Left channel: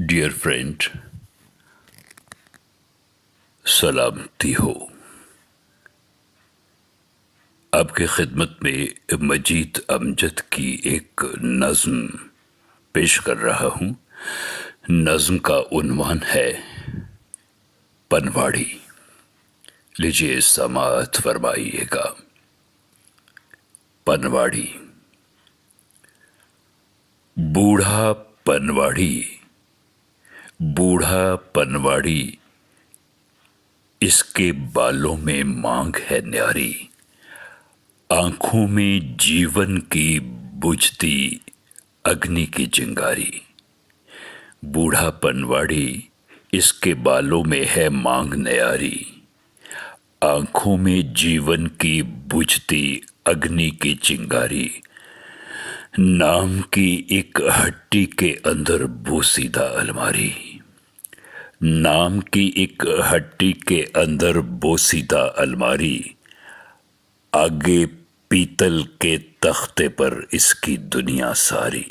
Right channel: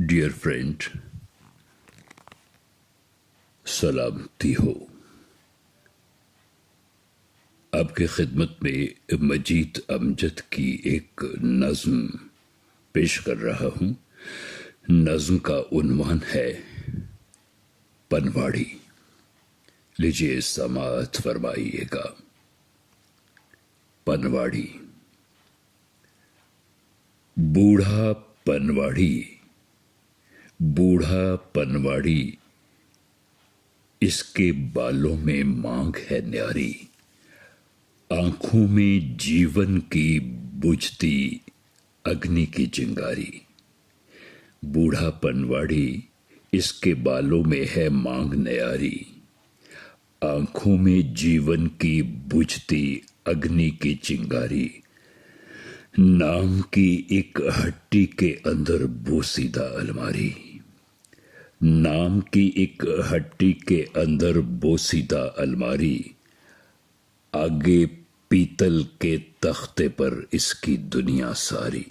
Dear friend, सलामती हो। आपके खिदमत में मजीद अमजद की एक नज़्म पेश कर रहा हूँ। नज़्म का उन्वान है पनवाड़ी। लीजिए समाअत फरमाइएगा। पनवाड़ी। बूढ़ा पनवाड़ी, बूढ़ा पनवाड़ी, इसके बालों में मांग है न्यारी, आंखों में जीवन की बुझती अग्नि की चिंगारी। बूढ़ा पनवाड़ी, इसके बालों में है मांग न्यारी, आंखों में जीवन की बुझती अग्नि की चिंगारी। नाम की एक हट्टी के अंदर बोसीदा अलमारी, नाम की एक हट्टी के अंदर बोसीदा अलमारी, आगे पीतल के तख्ते पर इसकी दुनिया सारी।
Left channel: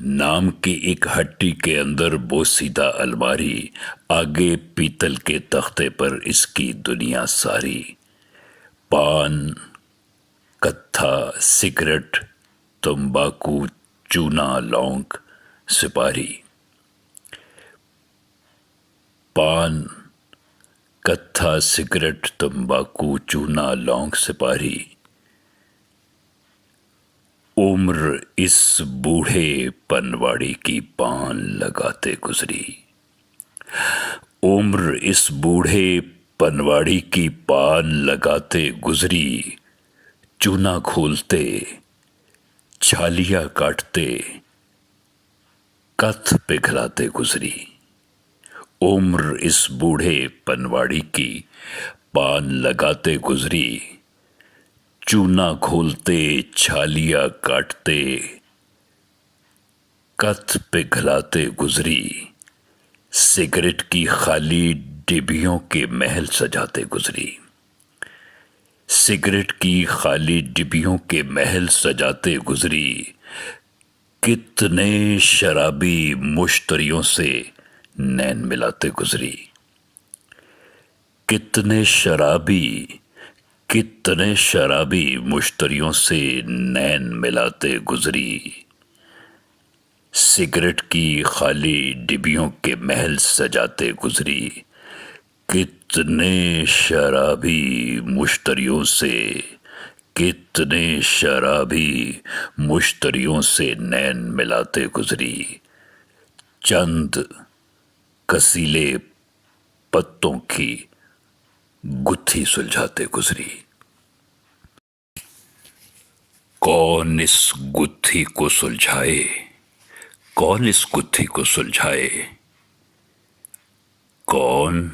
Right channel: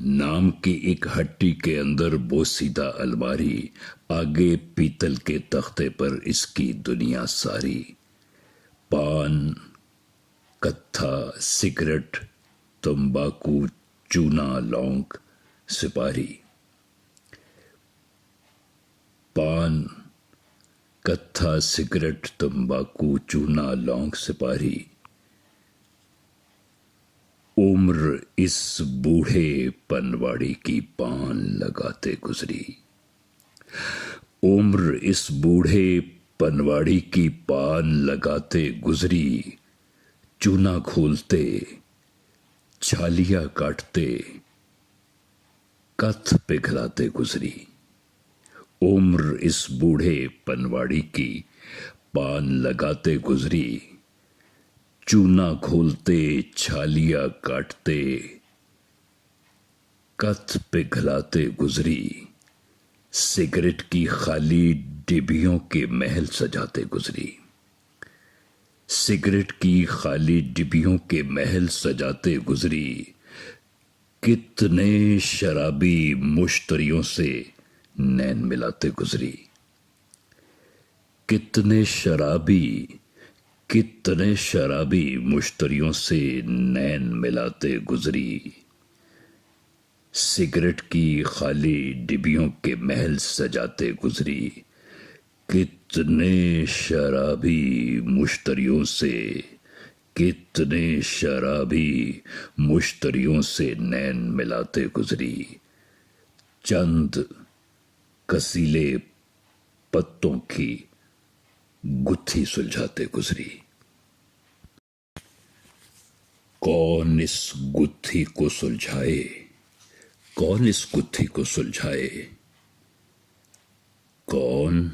नाम की एक हट्टी के अंदर बोसीदा अलमारी, आगे पीतल के तख्ते पर इसकी दुनिया सारी। पान, कत्था, सिगरेट, तंबाकू, चूना, लौंग, सुपारी। पान, कत्था, सिगरेट, तंबाकू, चूना, लौंग, सुपारी। उम्र इस बूढ़े पनवाड़ी की पान लगाते गुजरी, उम्र इस बूढ़े पनवाड़ी की पान लगाते गुजरी। चूना घोलते, छालियां काटते, कथ पिघलाते गुजरी। उम्र इस बूढ़े पनवाड़ी की पान लगाते गुजरी। चूना घोलते, छालियां काटते, कथ पिघलाते गुजरी। सिगरेट की खाली डिबियों के महल सजाते गुजरी, सिगरेट की खाली डिबियों के महल सजाते गुजरी। कितने शराबी मुश्तरियों से नैन मिलाते गुजरी, कितने शराबी मुश्तरियों से नैन मिलाते गुजरी। सिगरेट की खाली डिबियों के महल सजाते गुजरी। कितने शराबी मुश्तरियों से, कितने शराबी मुश्तरियों से नैन मिलाते गुजरी। चंद कसीले पत्तों की गुत्थी सुलझाते गुजरी। कौन इस गुत्थी को सुलझाए, कौन इस गुत्थी को सुलझाए। कौन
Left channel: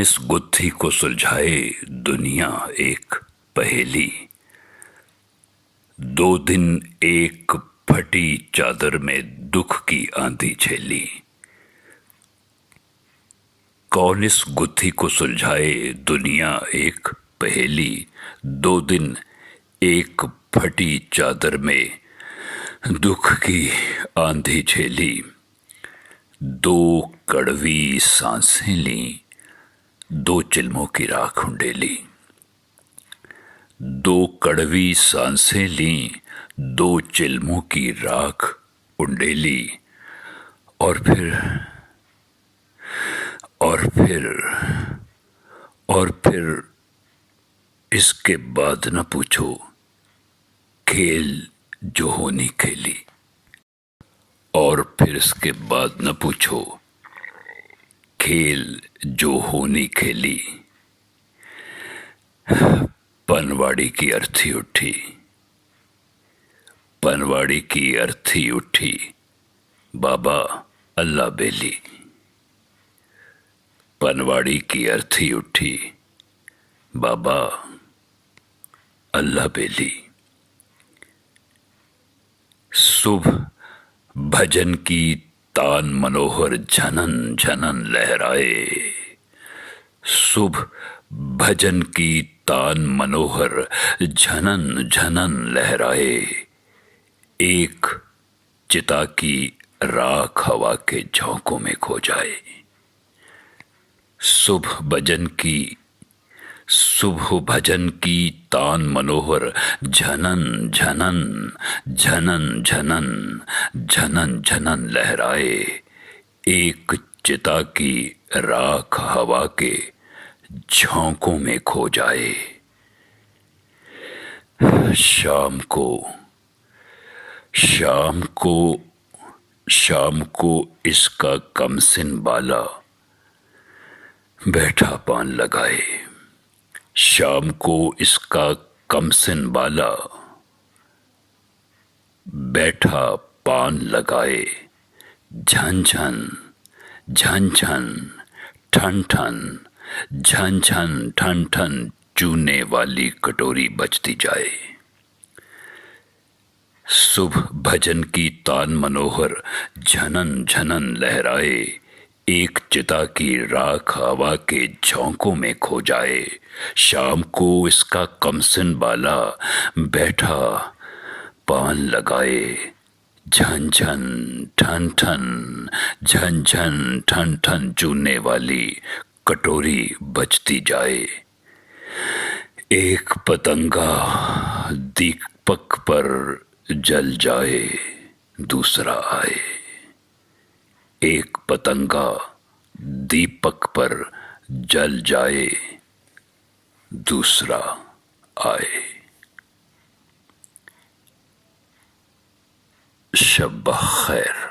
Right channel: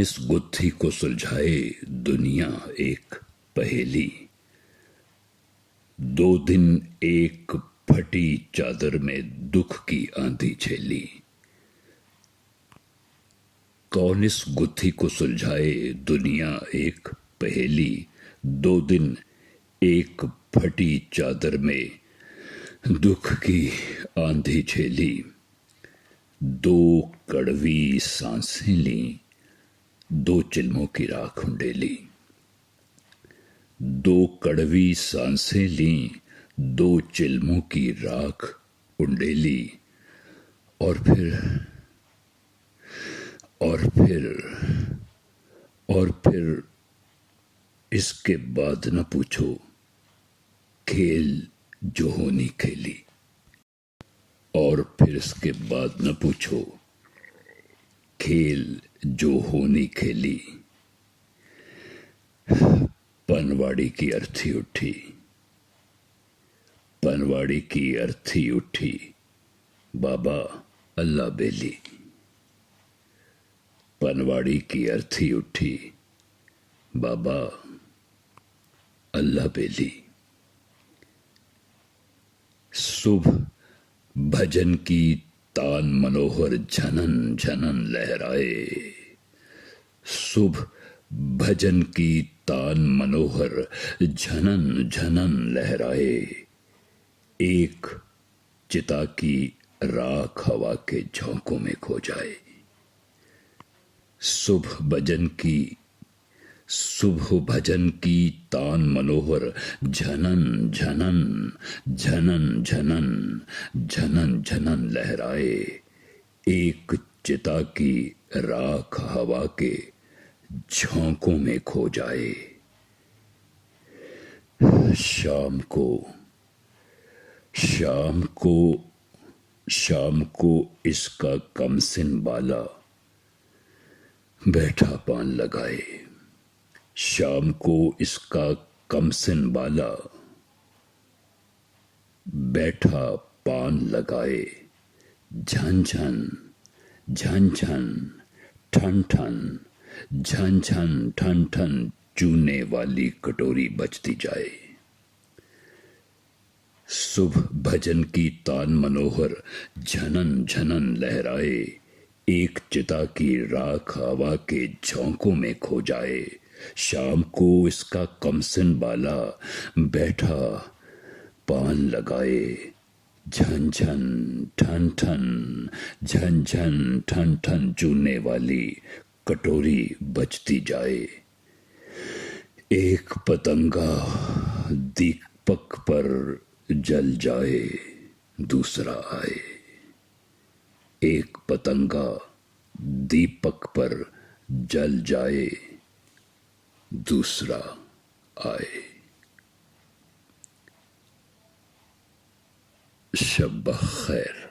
इस गुत्थी को सुलझाए। दुनिया एक पहेली, 2 दिन एक फटी चादर में दुख की आंधी झेली। कौन इस गुत्थी को सुलझाए। दुनिया एक पहेली, 2 दिन एक फटी चादर में दुख की आंधी झेली। 2 कड़वी सांसें ली, 2 चिल्मों की राख उंडेली। 2 कड़वी सांसें ली, 2 चिल्मों की राख उंडेली। और फिर इसके बाद न पूछो, खेल जो होनी खेली। और फिर इसके बाद न पूछो, खेल जो होनी खेली। पनवाड़ी की अर्थी उठी, पनवाड़ी की अर्थी उठी, बाबा अल्लाह बेली। पनवाड़ी की अर्थी उठी, बाबा अल्लाह बेली। सुबह भजन की तान मनोहर झनन झनन लहराए। सुबह भजन की तान मनोहर झनन झनन लहराए। एक चिता की राख हवा के झोंकों में खो जाए। शुभ भजन की तान मनोहर झनन झनन झनन झनन झनन झनन लहराए। एक चिता की राख हवा के झोंकों में खो जाए। शाम को शाम को शाम को इसका कमसिन बाला बैठा पान लगाए। शाम को इसका कमसिन बाला बैठा पान लगाए। झन झन झन झन ठन ठन झन झन ठन ठन चूने वाली कटोरी बजती जाए। शुभ भजन की तान मनोहर झनन झनन लहराए। एक चिता की राख हवा के झोंकों में खो जाए। शाम को इसका कमसिन बाला बैठा पान लगाए। झन झन ठन ठन झन झन ठन ठन चूने वाली कटोरी बजती जाए। एक पतंगा दीपक पर जल जाए, दूसरा आए। एक पतंगा दीपक पर जल जाए, दूसरा आए। शब खैर।